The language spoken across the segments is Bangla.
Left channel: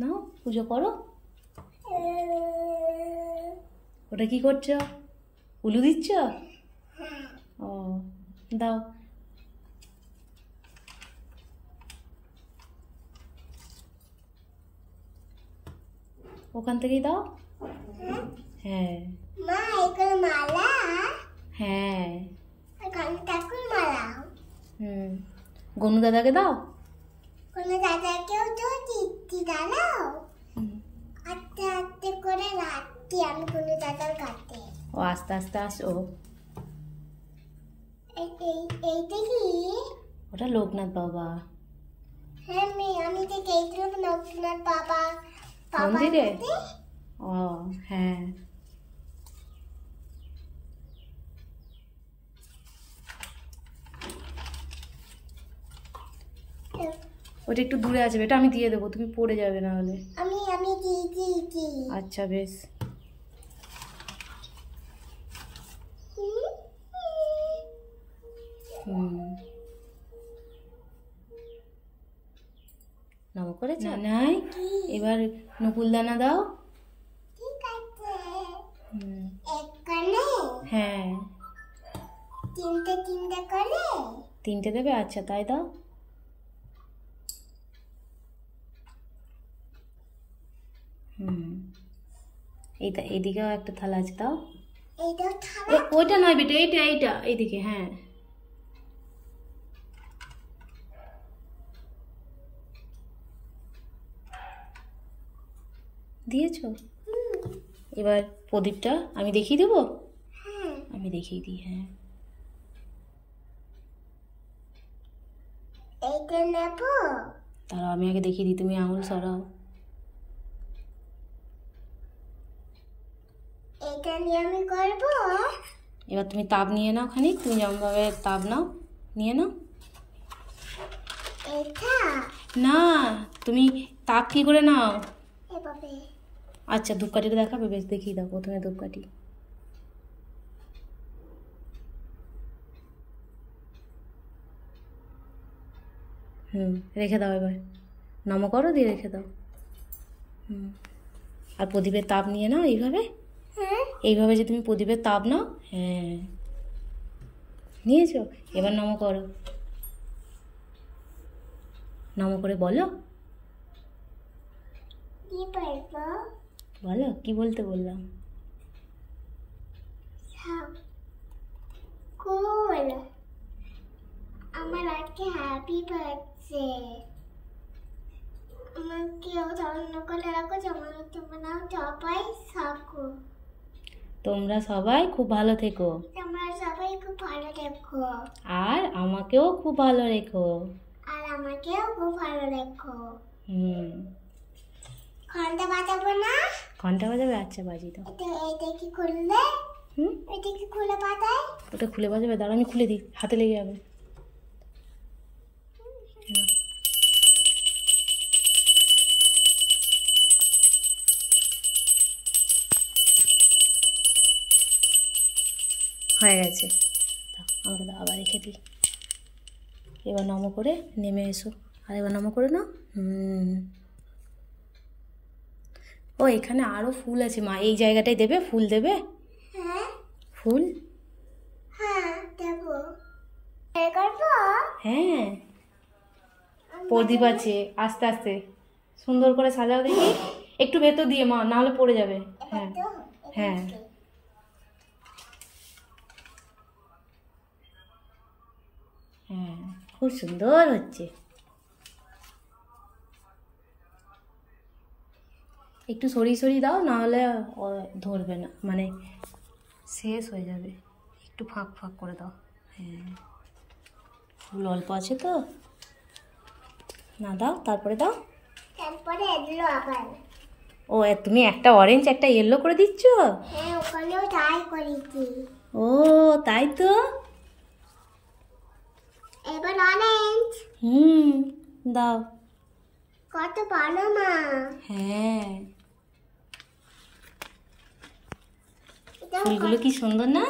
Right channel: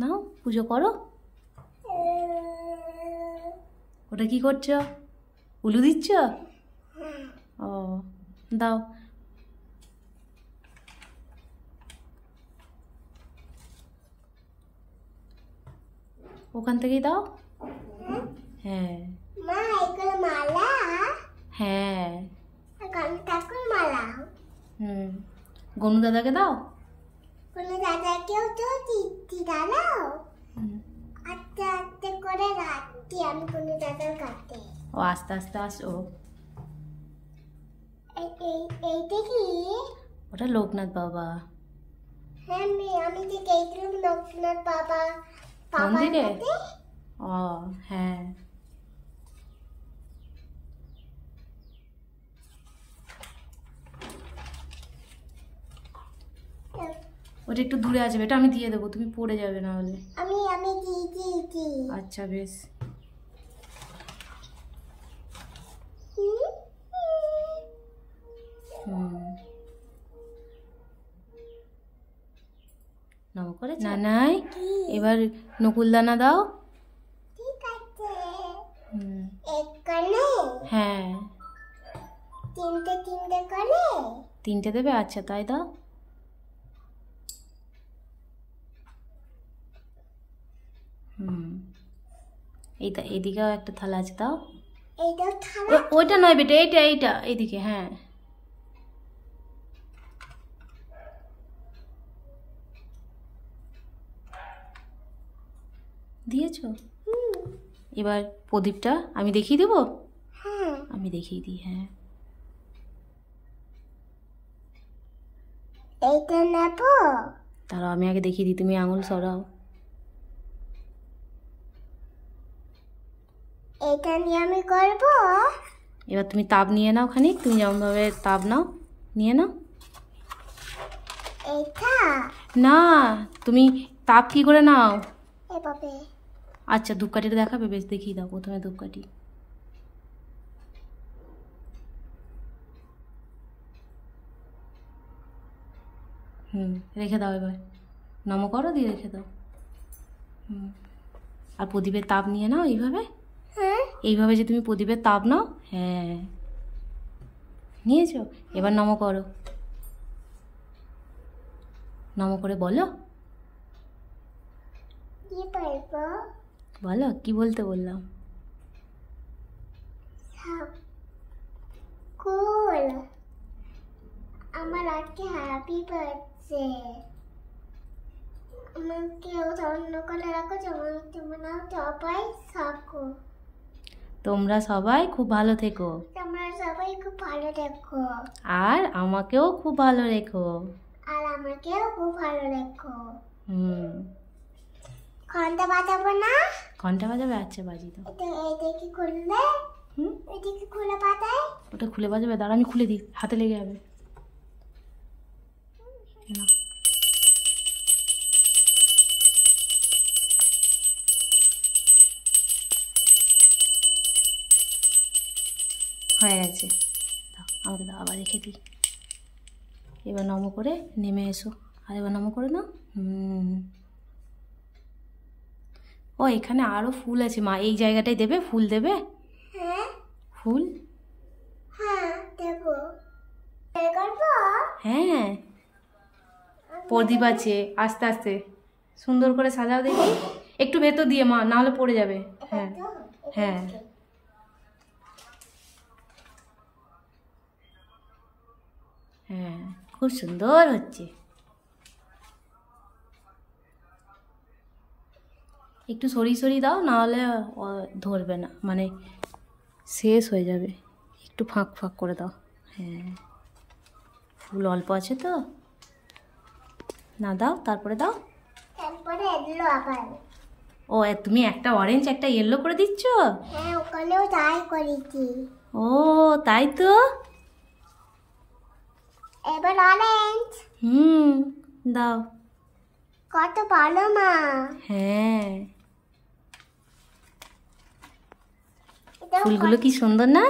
নাও পুজো করো। ওটা কি করছো? উলু দিচ্ছ? ও দাও। ওখান থেকেই দাও। হ্যাঁ মা এগুলো মালা। হ্যাঁ ঠাকুর মালা। গনু দাদাকে দাও। কোনো দাদাকেও তো দিচ্ছি, দাঁড়াও। আস্তে আস্তে করে রাখছি আমি কোনো দাদার কাছে। ও আস্তে আস্তে আসো। এইটা কি? ওটা লোকনাথ বাবা। হ্যাঁ আমি তো গেছিলাম লোকনাথ বাবা মন্দিরে। ও হ্যাঁ ওটা একটু দূরে আছে, এটা আমি দিয়ে দেবো, তুমি পড়ে যাবে না হলে। আমি আমি দিয়েছি। আচ্ছা বেশ। নম করে নানাই এবার নকুলদানা দাও। ঠিক আছে। এখানে হ্যাঁ তিনটে করে। তিনটে দেবে? আচ্ছা তাই দাও। এইটা এদিকেও একটা থালা আছে, দাও। এইটা থালা? ওইটা নয় বেটা, এইটা এইদিকে। হ্যাঁ দিয়েছো? এবার প্রদীপটা আমি দেখিয়ে দেবো। হ্যাঁ আমি দেখিয়ে দিই। হ্যাঁ এইটা নেব। তাহলে আমি আগে দেখিয়ে দিই, তুমি আঙুল সরাও। এইটা নিয়ে আমি করব। এবার তুমি তাপ নিয়ে নাও খানিক, তুমি যেমনভাবে তাপ নাও নিয়ে নাও। এইটা না তুমি তাপ কি করে নাও? এভাবে। আচ্ছা ধূপকাঠিটা দেখাবে? বেশ দেখিয়ে দাও প্রথমে ধূপকাঠি। রেখে দাও। এবার নম করো, দিয়ে রেখে দাও। আর প্রদীপের তাপ নিয়ে নাও এইভাবে। এইভাবে যে তুমি প্রদীপের তাপ নাও। হ্যাঁ নিয়েছো? এবার নম করো। নম করে বলো। বলো কি বলতে বললাম? কুল আমার আজকে হ্যাপি বার্থডে। আমাকে অন্য করে রাখো, তোমরা সবাই থাকো। তোমরা সবাই খুব ভালো থেকো। তোমরা সবাই খুব ভালো থেকো। আর আমাকেও খুব ভালো রেখো। আর আমাকেও খুব ভালো রেখো। ঘন্টা বাজাবো না? ঘন্টা বাজাবে? আচ্ছা বাজি দাও। এটা কি খুললে? এটা কি খুলে বাজায়? ওটা খুলে বাজাবে? দাঁড়া আমি খুলে দিই, হাতে লেগে যাবে। হয়ে গেছে, দাও আমাকে দাও, আবার রেখে দিই। এবার নম করে নেমে এসো। আর এবার নম করে নাও। ও এখানে আরো ফুল আছে মা, এই জায়গাটায় দেবে, ফুল দেবে। হ্যাঁ ফুল। হ্যাঁ দেবো। হ্যাঁ প্রদীপ আছে, আস্তে আস্তে সুন্দর করে সাজাও দেখি। একটু ভেতর দিয়ে মা, না হলে পড়ে যাবে। হ্যাঁ হ্যাঁ হ্যাঁ খুব সুন্দর হচ্ছে। একটু সরিয়ে দাও, না হলে ধরবে না, মানে শেষ হয়ে যাবে। একটু ফাঁক ফাঁক করে দাও। হ্যাঁ ফুল অল্প আছে তো, না দাও, তারপরে দাও। তারপরে এলো আবার। ও তুমি একটা অরেঞ্জ একটা ইয়েলো করে দিচ্ছ? হ্যাঁ ওখানেও তাই করেছি। ও তাই তো। এবার অরেঞ্জ। দাও। কত ভালো মা। হ্যাঁ ফুলগুলো কি সুন্দর না?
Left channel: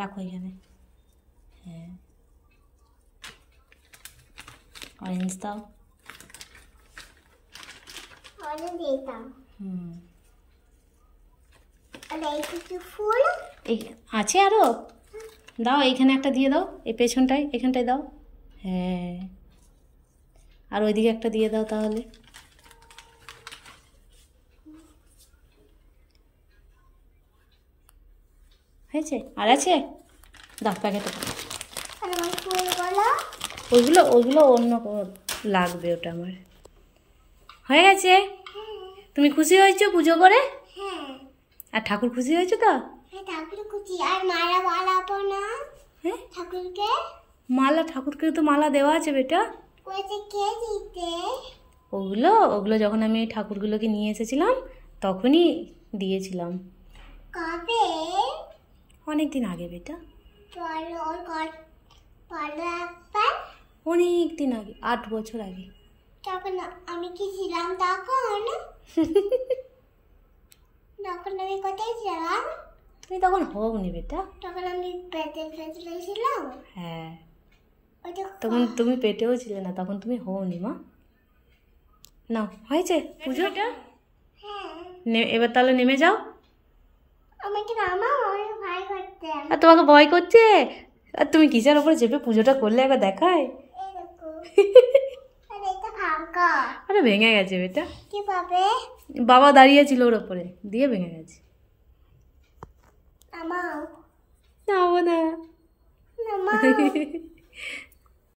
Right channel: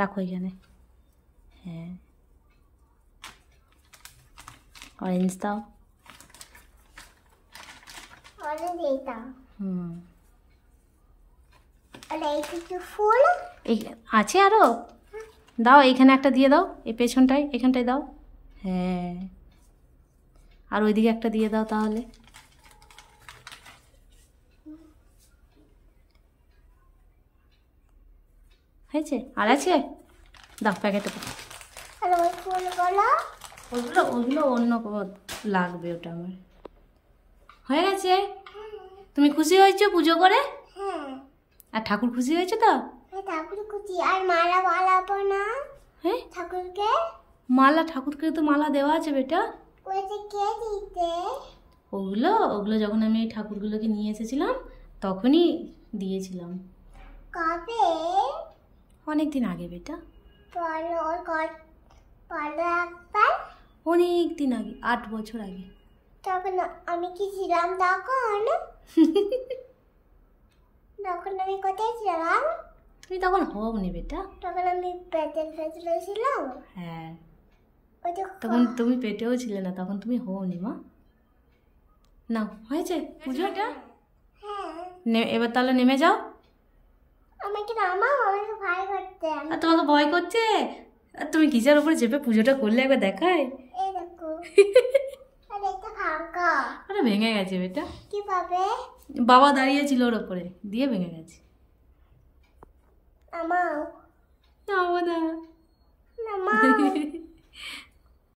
রাখো এখানে। হ্যাঁ অরেঞ্জ দাও। তাহলে দিতাম। হুম, আর এই কিছু ফুল এই আছে আরো, দাও এইখানে একটা দিয়ে দাও, এই পেছনটায় এখানটায় দাও। হ্যাঁ, আর ওইদিকে একটা দিয়ে দাও তাহলে। হয়েছে? আর আছে? দাও প্যাকেটে দাও। আর ওই ফুলগুলো ওইগুলো ওইগুলো অন্য লাগবে, ওটা আমার হয়ে গেছে। তুমি খুশি হয়েছো পুজো করে? হ্যাঁ আর ঠাকুর খুশি হয়েছে তো? হ্যাঁ ঠাকুর কুচি আর মালা বানাবো না হ্যাঁ, ঠাকুরকে? মালা ঠাকুরকে তো মালা দেওয়া আছে বেটা। কইতে কে দিতে? ওগুলো ওগুলো যখন আমি এই ঠাকুরগুলোকে নিয়ে এসেছিলাম তখনই দিয়েছিলাম, কবে? অনেক দিন আগে বেটা, পরে ওর পরে একবার অনেক দিন আগে, 8 বছর আগে। তখন আমি কি ছিলাম তখন? তখন আমি কোথায় ছিলাম? তুমি তখন হওনি বেটা। তখন আমি পেটের ভেতরে ছিলাম। হ্যাঁ, ওই যে তখন তুমি পেটেও ছিলে না, তখন তুমি হওনি মা। নাও, হয়েছে পুজোটা। হ্যাঁ এবার তাহলে নেমে যাও। আমাকে নামাও, আমাকে ভয় করতে। আর তোমাকে ভয় করছে? আর তুমি কিসের উপরে চেপে পুজোটা করলে একবার দেখায়। এই দেখো আর এটা ফাঁকা। আরে ভেঙে গেছে বেটা, কি পাবে? বাবা দাঁড়িয়েছিল ওর ওপরে, দিয়ে ভেঙে গেছে। নামাও নাও না। নামাও